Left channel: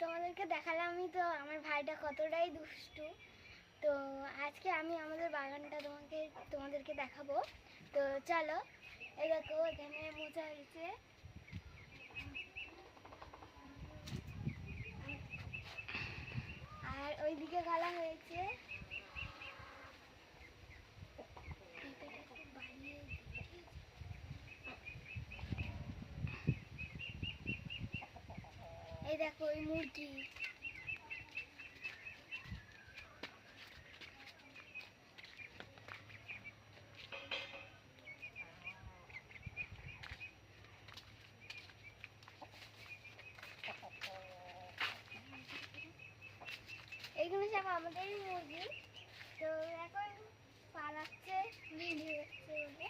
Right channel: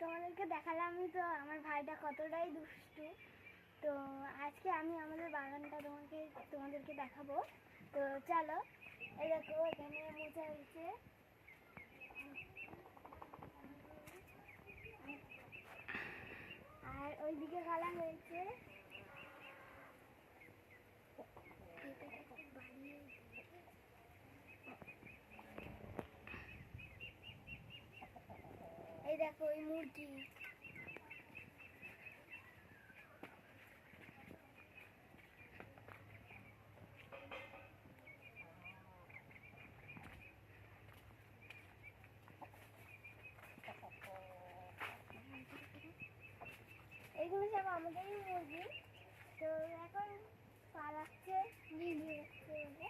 তোমাদেরকে দেখালামই তো আমার ভাইটা কতটাই দুষ্টু। তো আজকে আমি আমাদের বাগানটা তোমাদেরকে দেখাবো। তো চলো, এই দেখো এখানে মোচা হয়েছে, আর ওইদিকে গালা হয়েছে। এই দেখো ওই মুরগি, এইগুলো সব আমাদেরই মুরগি। তো এখন পালাচ্ছে, ভিডিও হচ্ছে বলে।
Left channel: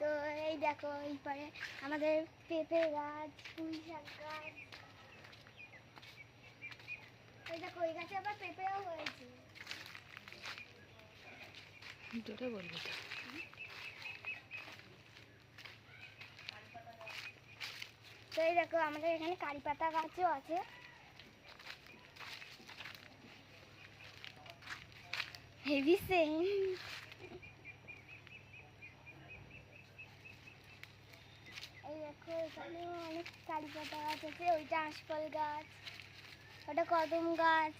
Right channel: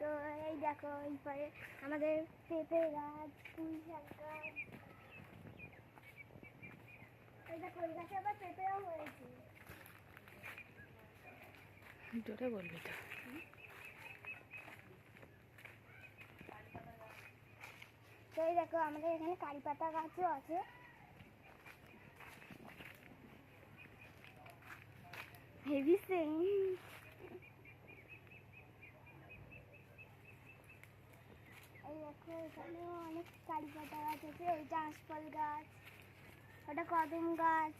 তো এই দেখো এই পারে আমাদের পেঁপে গাছ, পুঁই শাক গাছ। এই দেখো ওই গাছে আবার পেঁপেও হয়েছে। জোরে বলবি তো। তো এই দেখো আমাদের এখানে কারি পাতা গাছও আছে। Heavy same. এই দেখো এখানে অনেক কারি পাতা গাছ আছে, ওইটা আঁশফল গাছ, ওটা কদম গাছ।